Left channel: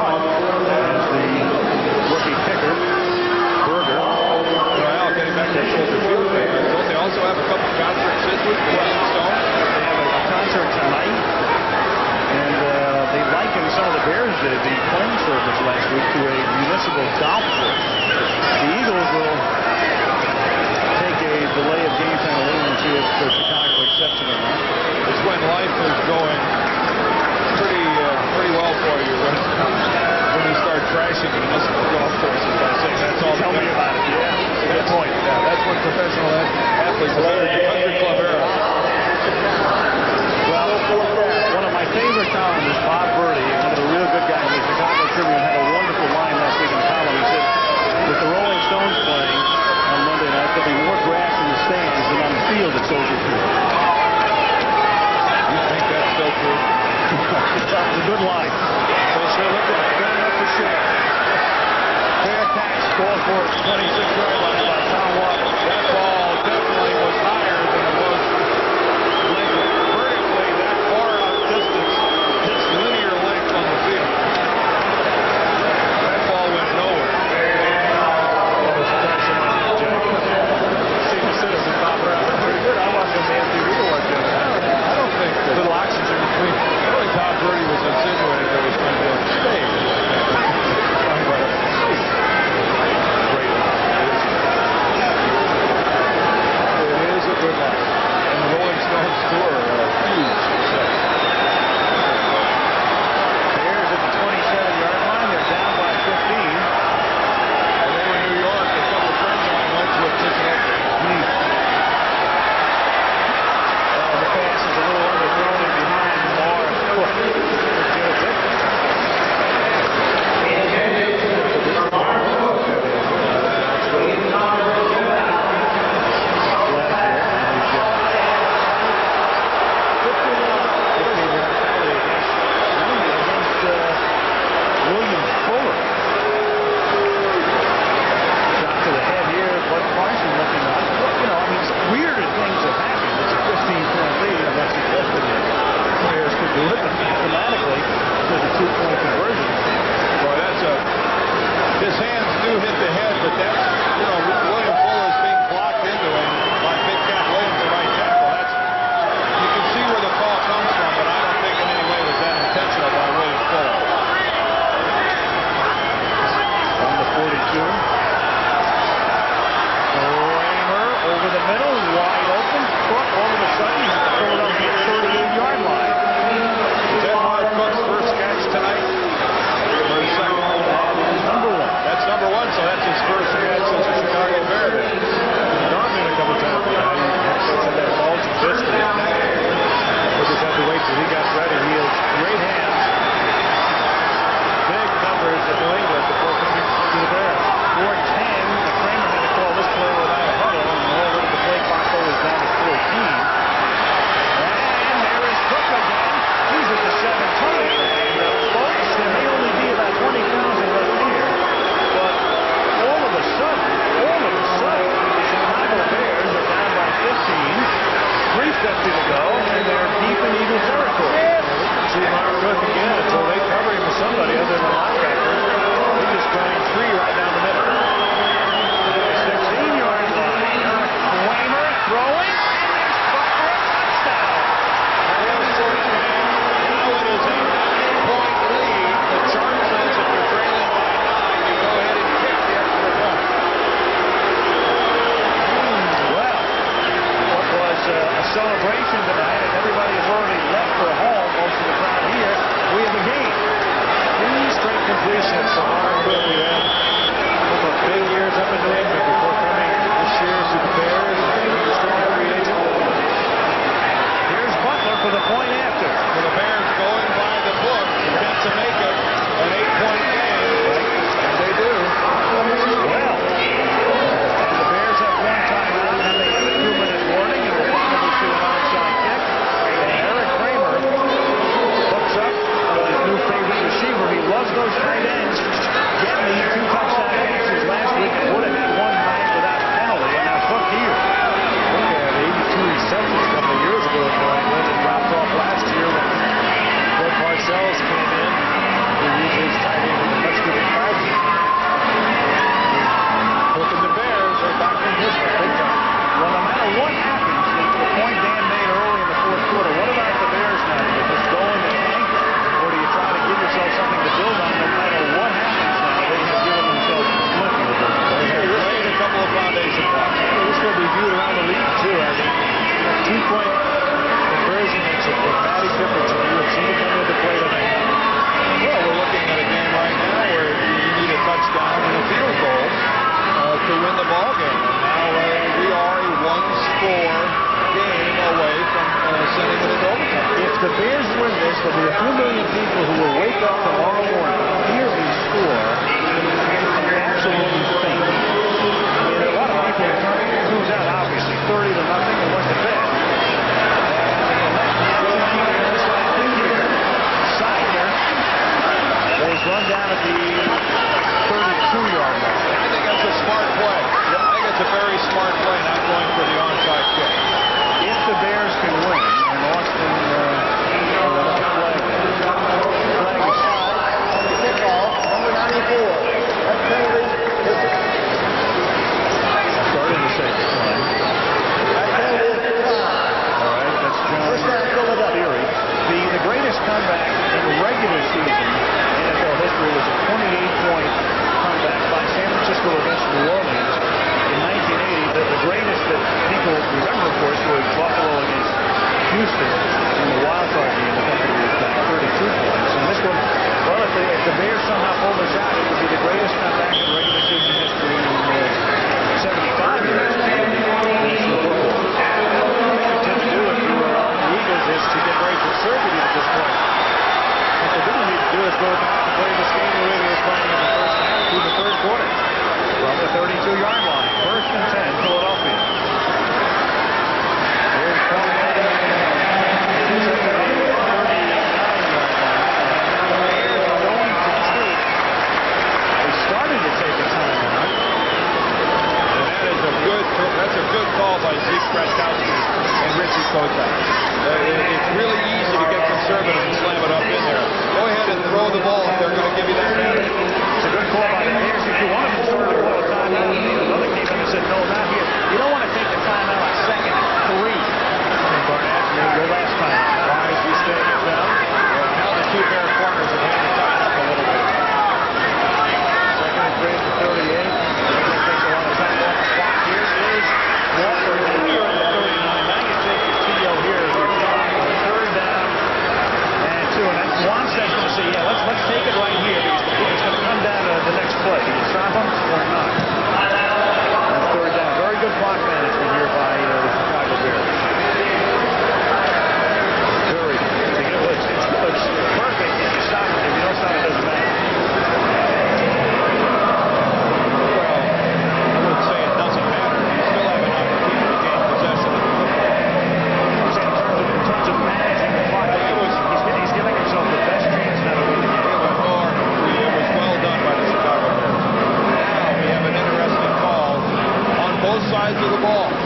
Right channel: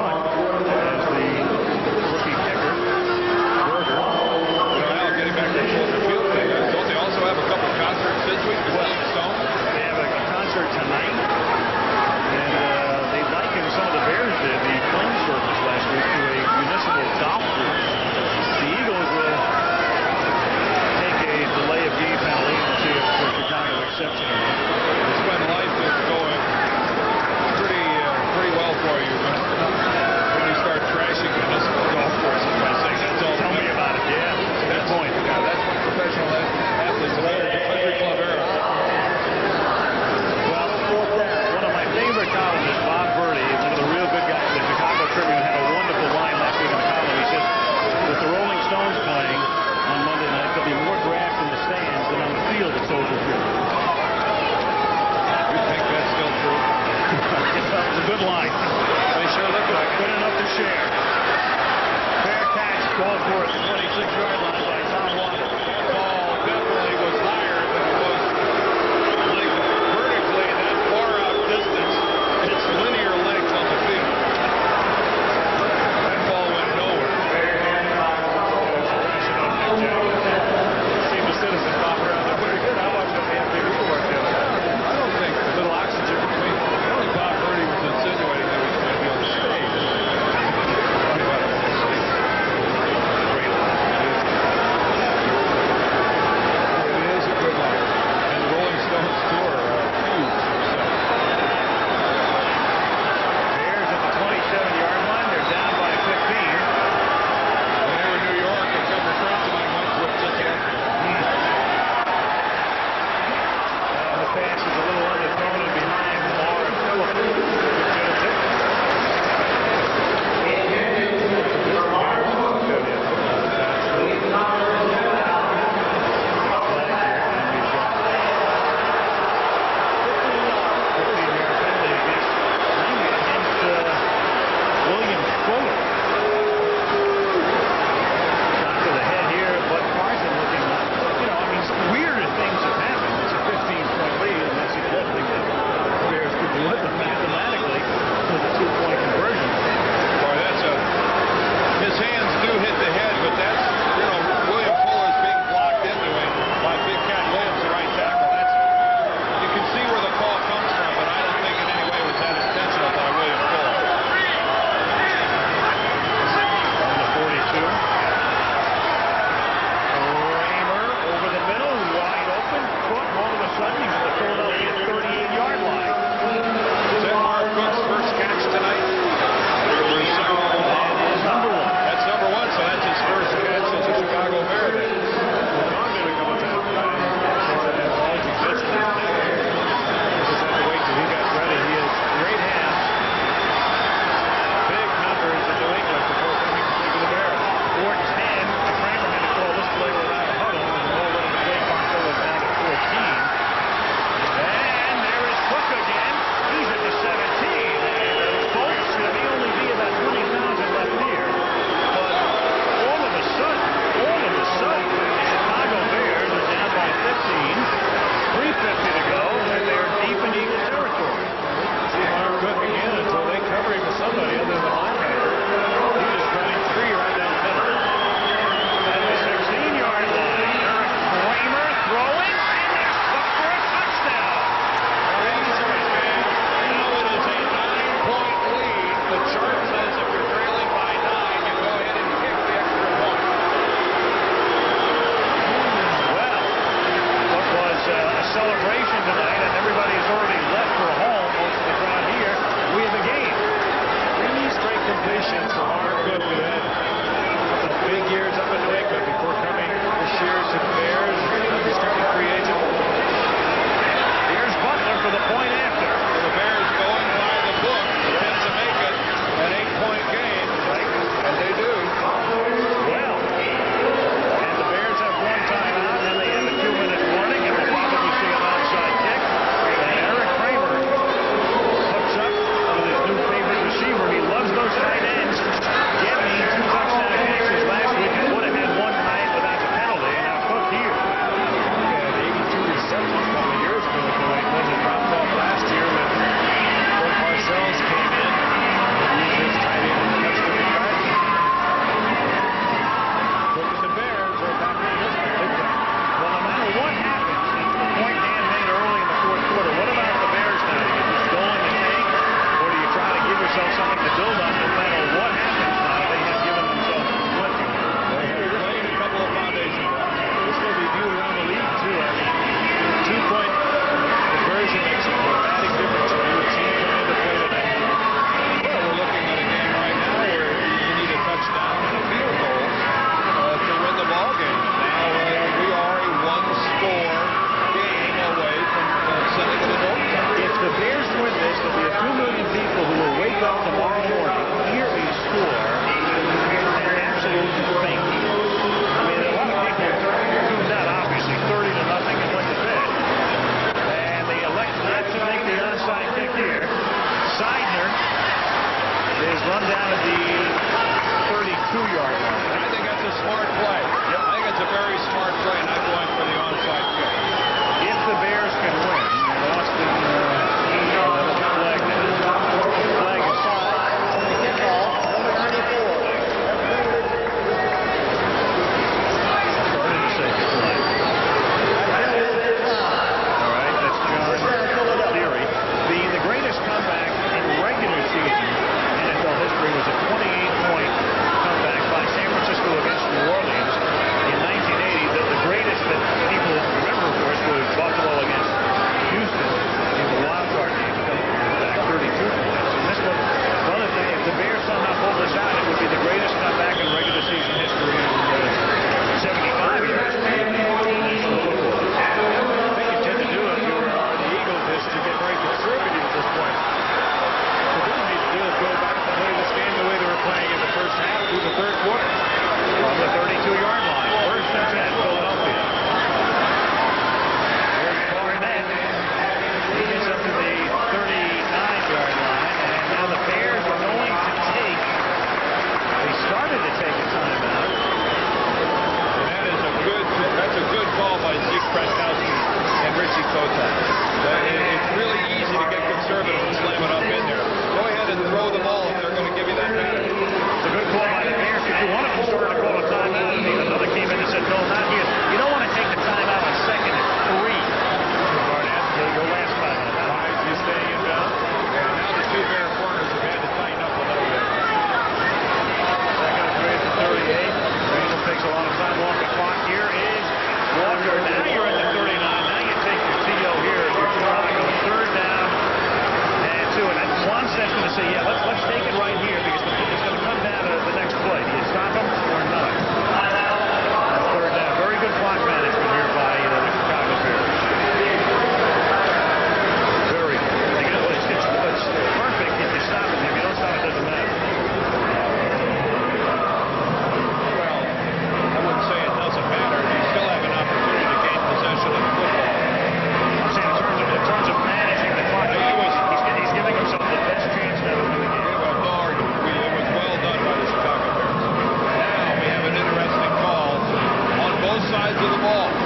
punt as the rookie kicker, Berger. You know, Al, getting back to that Soldier Field thing, don't they also have a couple concerts this week, the Rolling Stones? They have a concert tonight, and they likened some of the Bears did the playing surface last week to a municipal golf course. The Eagles will take a delay of game penalty, and we'll see if Chicago accepts it or not. It's when life is going pretty well for you when you start trashing municipal golf courses by saying that's all. Tell me about it. Yeah, it's a good point. Yeah, that's when professional athletes have entered the country club era. Well, one of my favorite columnists, Bob Verdi, one of the real good guys of the Chicago Tribune, had a wonderful line last week in the column. He said, with the Rolling Stones playing on Monday night, there'll be more grass in the stands than on the field at Soldier Field. You think that's still true? That was a good line. They sure look like it. Good enough to share. Fair catch called for at the 26-yard line by Tom Waddle. That ball definitely was higher than it was lengthwise. Vertically, that far out distance, it's linear length on the field. That ball went nowhere. Yeah, it was crashing on Mick Jagger. I mean, senior citizen bopping around there pretty good. I watched him on the MTV Award the other night. I don't think that. A little oxygen between. I don't think Bob Verdi was insinuating that it was going to be on the stage. I think that he was talking about up in the seats. It's a great line. It is a good line. It is a good line. And the Rolling Stones tour, a huge success. Bears at the 27-yard line. They're down by 15. When they were in New York, a couple friends of mine went to it, just loved it. And the pass is a little underthrown and behind Marv Cook. Couldn't get a ticket. Their producer, Kenny Wilton, took that in, too, out of Giant Stadium. Got a flag here, and we've got 15 yards. 15-yard penalty against William Fuller. Shot to the head here. Bud Carson looking on. Well, you know, I mean, weirder things have happened. It's a 15-point lead. I'm not suggesting that Bears could do it, but mathematically, with a 2-point conversion. Boy, that's his hands do hit the head, but that's, you know, William Fuller's being blocked into him by Big Cat Williams, the right tackle. That's, you can see where the call comes from, but I don't think in any way was that intentional by William Fuller. From the 42. Kramer over the middle, wide open. Cook, all of a sudden, he's at the Philadelphia 38-yard line. Is that Marv Cook's first catch tonight? Or his second? That is number 1. That's number 1, so that's his first catch as a Chicago Bear then. He's gone to him a couple times tonight. He had, of course, had that bulging disc in his neck. They just had to wait till he got ready. He has great hands. Big numbers at New England before coming to the Bears. 4-10. Kramer had to call this play without a huddle, and already the play clock though is down to 14. And there is Cook again. He's at the 17. And folks, there may only be about 20,000 left here, but all of a sudden, the Chicago Bears are down by 15. 3:50 to go, and they're deep in Eagle territory. Yeah, we can see Marv Cook again until they cover him as somebody other than a linebacker. He's just running free right down the middle. At the 16-yard line, Eric Kramer throwing, and there's Cook for a touchdown. Hello, sports fans. Now it is a 9-point lead. The chart says if you're trailing by 9, you go ahead and kick the extra point. Well, what was a celebration tonight, and everybody has already left for home, most of the crowd here. We have a game. 3 straight completions to Marv Cook, who had a couple of big years up in New England before coming this year to the Bears as an unrestricted free agent. Here's Butler for the point after. So the Bears going by the book attempt to make it an 8-point game. Right. And they do. Well, and the Bears have 1 timeout, and they have a 2-minute warning, and we'll probably see an onside kick. And Eric Kramer hooks up with his new favorite receiver. He loves those tight ends. Gedney, 2 touchdown catches last week, and would have had 1 tonight without the penalty, and now Cook here. Cook had 82 receptions a couple of years ago in New England and dropped off last year when Bill Parcells came in. who uses tight end in a much different fashion. Cook and the Bears are back in this one big time. Well, no matter what happens, the point Dan made early in the fourth quarter, what about the Bears now? Do you just go in the tank, or do you try to give yourself something to build on? No matter what happens now, they have given themselves plenty to build on. They have laid a couple of foundation blocks here. Well, this is going to be viewed around the league, too. I mean, that two-point conversion makes a dramatic difference, and you have seen it come into play tonight. Well, we're looking at a game right now where you need a touchdown and a field goal to win the ball game, and now we are a one-score game away from sending it into overtime. If the Bears win this, there'll be a few million people who will wake up tomorrow morning, hear a score, and absolutely faint. I mean, a lot of people tuned out, obviously, 30-0, and went to bed. And they elect not to make the onside kick here. Seidner is run down at the 32-yard line. And I think that's a smart play. Yep. I think that's a very smart play, not going for the onside kick. If the Bears can win, and Austin with another flag down. The flag is offsides on the kickoff, number 94. That penalty is started to say decline. That penalty is declined. All right, that's John First down, Philadelphia. Theory. The greatest comeback in regular season NFL history was a 28-point comeback by San Francisco against New Orleans in 1980. The greatest that people remember, of course, was Buffalo against Houston in the wild card game a couple of years back, 32 points. And this one, well, if the Bears somehow pull this out, it would be the greatest comeback in regular season history in 75-year history of the National Football League. I think you tend to do if you are the Eagles is to get very conservative at this point. What they really need to do is go back and play this game the way they were playing in the first half through the third quarter. From the 32-yard line, 1st and 10, Philadelphia. Here's Barnett. He gets up to the 39-yard line, and now the Bears are going to take. They started to take a timeout. And that is that's a good call by Zeke Bratkowski and Richie Kotite. It's really easy to get conservative and slam it up in there. Go ahead and throw the ball if they're going to give you that pattern. It's a good call by the Bears here, too. One of them started to call a timeout, and another came in and said, no, not here. You don't want to take the timeout on 2nd and 3. And Barnett, your last timeout. Why is he staying inbounds? Yeah, now the two Bear corners have had to tighten up a little bit. 2nd and 3 at the 38. Randall takes a lot of time off the clock. Here is Walker. Now you're at the 39. Now you take your TO here if you're Chicago. At 3rd down and 2. And Wannstedt's going to say, yeah, let's take it right here because it's going to come down to the next play. Do you stop him or not? On 3rd down. Very good clock management here by the Chicago Bears. Very good. Well, it's perfect if you stop him here. If you don't stop, it doesn't matter. Well, I wouldn't say it doesn't matter. You still have an opportunity to gain possession of the football. I'm saying in terms of managing the clock, he's giving himself the best chance now to win the game. It was no argument. It was well done by the Chicago Bears. Now we have an interesting call on both sides of the ball.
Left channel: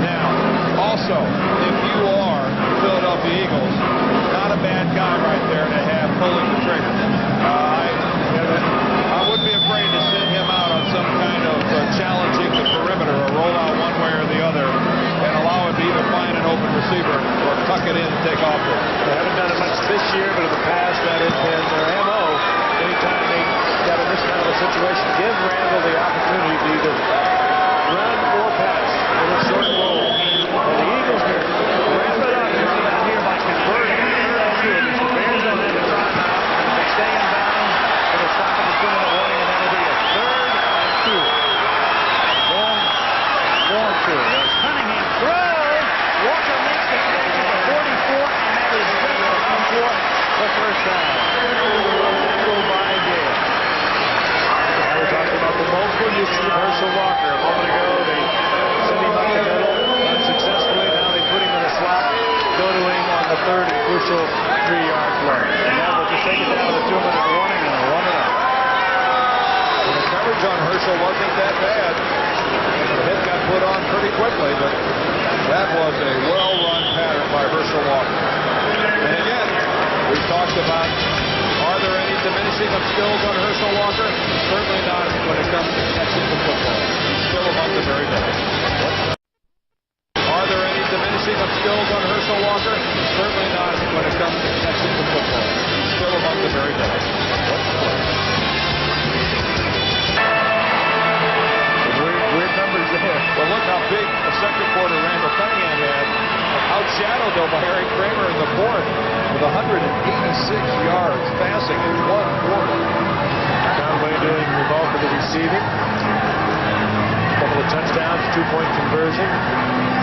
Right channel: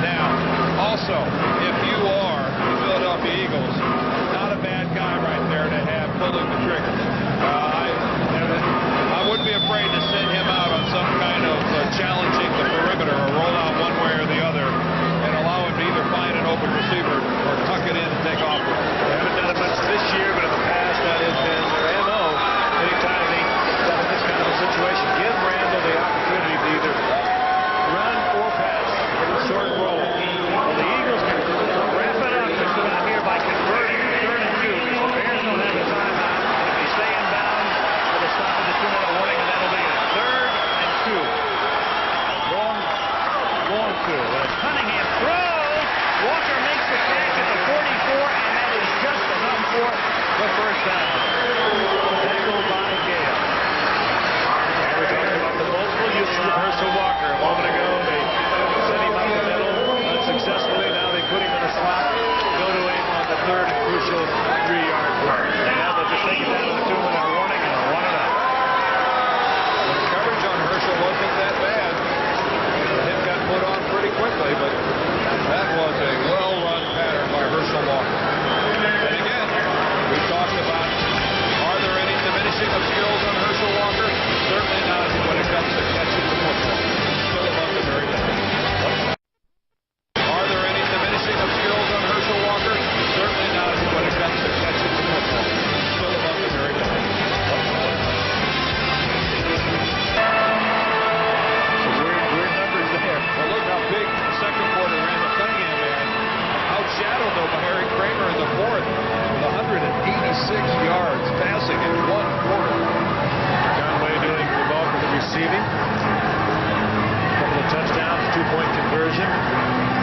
Now, also, if you are the Philadelphia Eagles, not a bad guy right there to have pulling the trigger. I wouldn't be afraid to send him out on some kind of challenging the perimeter or roll out one way or the other and allow him to either find an open receiver or tuck it in and take off with it. They haven't done it much this year, but in the past that has been their MO. Anytime they got in this kind of a situation, give Randall the opportunity to either run or pass. A little short roll. Well, the Eagles can wrap it up just about here by converting on 3rd and 2 because the Bears don't have a timeout, and if they stay in bounds, it'll stop at the 2-minute warning, and that'll be it. 3rd and 2. Long 2. As Cunningham throws, Walker makes the catch at the 44, and that is just enough for the 1st down. Tackled by Gale. Now we talked about the multiple uses of Herschel Walker. A moment ago, they sent him up the middle unsuccessfully. Now they put him in a slot, go to him on the 3rd and crucial 3-yard play. And now they'll just take it down to the 2-minute warning and run it out. And the coverage on Herschel wasn't that bad. The hit got put on pretty quickly, but that was a well-run pattern by Herschel Walker. And again, we've talked about Are there any diminishing of skills on Herschel Walker? Certainly not when it comes to catching the football. He's still among the very best. What? Are there any diminishing of skills on Herschel Walker? Certainly not when it comes to catching the football. He's still among the very best. What's close? Some weird numbers there. Well, look how big a second quarter Randall Cunningham had. Outshadowed, though, by Eric Kramer in the fourth with 186 yards passing in one quarter. Conway doing the bulk of the receiving. A couple of touchdowns, a 2-point conversion.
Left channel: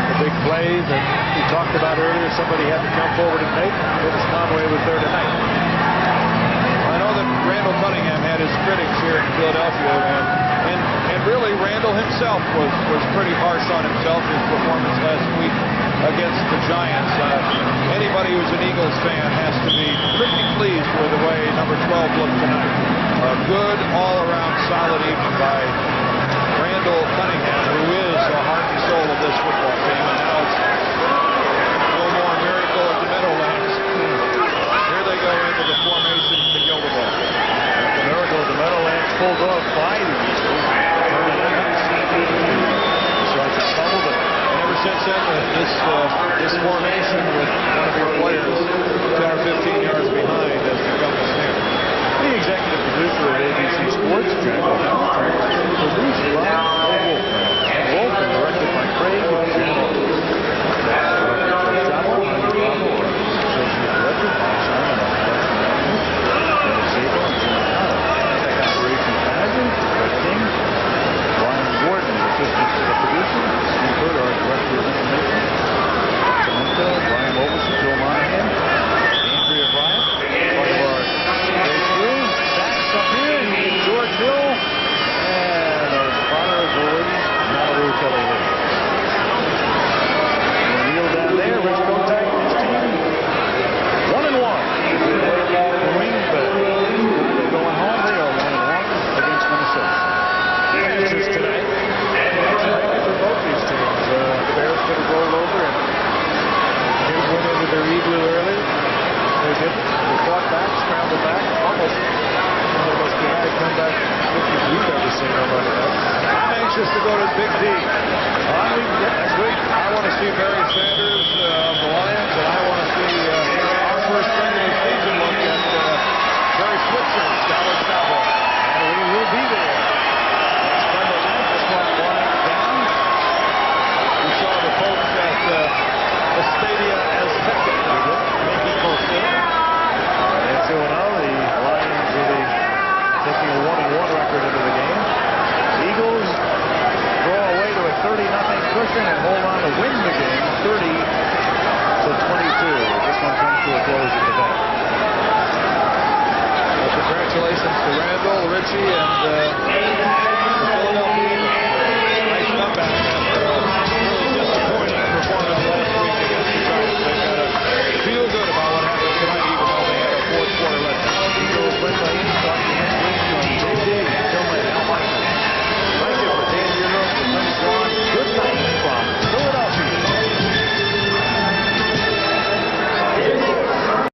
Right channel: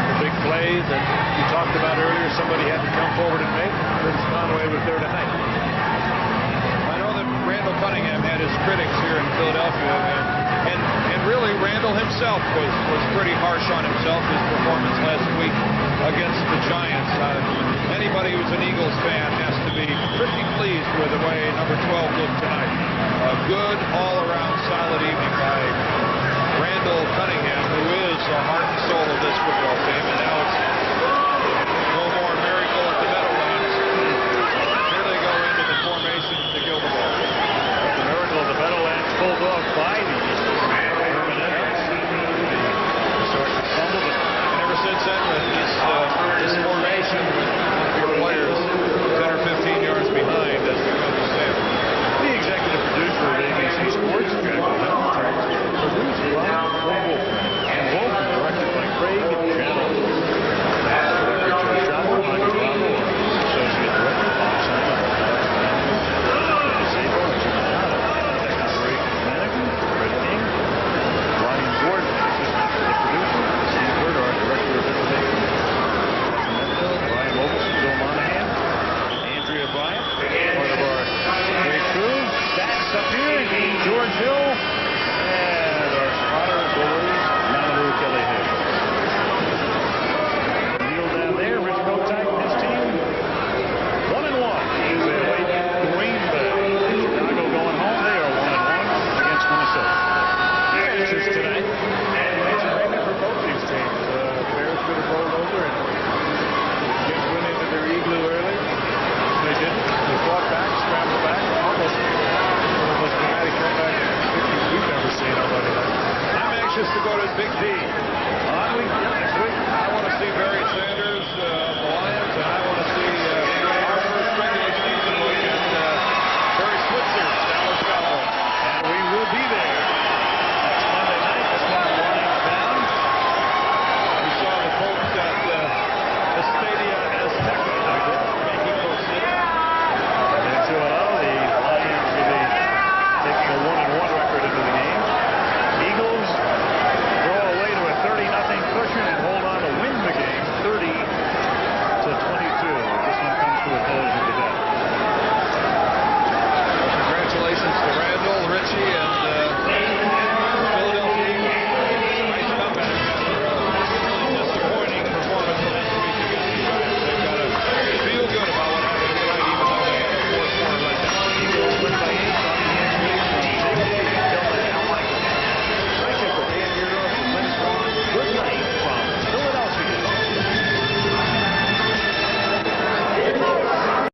The big play that we talked about earlier, somebody had to come forward and make. Curtis Conway was there tonight. I know that Randall Cunningham had his critics here in Philadelphia, and really Randall himself was pretty harsh on himself. His performance last week against the Giants. Anybody who's an Eagles fan has to be pretty pleased with the way number 12 looked tonight. A good all-around solid evening by Randall Cunningham, who is the heart and soul of this football team, and now it's no more miracle at the Meadowlands. Here they go into the formation to kill the ball. Well, the miracle of the Meadowlands pulled off by the Eagles, and Herman Edwards with the Sarchik fumble. And ever since then, this formation with one of your players 10 or 15 yards behind has become the standard. The executive producer of ABC Sports, Jack O'Hara. Tonight's being produced by the Wolfman, Ken Wolf, and directed by Craig Janoff. Our technical director, Joe Chavo. Jaime Bravo, our associate director. Bob Simon, our production manager. Dennis Zabo and Jim Licata, the tech operations manager. Fred King. Brian Gordon, the assistants to the producer. Steve Hurt, our director of information. Mark Amento, Brian Mogelson, Bill Monahan. Andrea Bryant, part of our great crew. Stats up here, George Hill, and our spotter, as always, Malibu Kelly Hayes. Little Neil down there, Rich Kotite and his team, 1-1 as they await Green Bay. Chicago going home. They are 1-1 against Minnesota. Two matches tonight. The action maybe for both these teams. The Bears could have rolled over and went into their igloo early. They didn't. They fought back, scrambled back. Almost one of the most dramatic comeback victories we've ever seen on Monday night. I'm anxious to go to Big D. Next week. I want to see Barry Sanders of the Lions, and I want to see our first regular season look at Barry Switzer's Dallas Cowboys. And we will be there next Monday night. This one winds down. We saw the folks at Estadia Azteca in Mexico City. And they're 2-0. The Lions will be taking a 1-1 record into the game. Eagles draw away to a 30-0 cushion and hold on to win the game 30-22 as this one comes to a close at the vet. Well, congratulations to Randall, Richie, and the Philadelphia Eagles. Nice comeback after a really disappointing performance last week against the Giants. They've got to feel good about what happened tonight, even though they had a fourth quarter letdown. Eagles win by 8. Talk to you next week from Big D. Until then, Al Michaels, Frank Gifford, Dan Deerdorf with Lynn Swan. Good night from Philadelphia.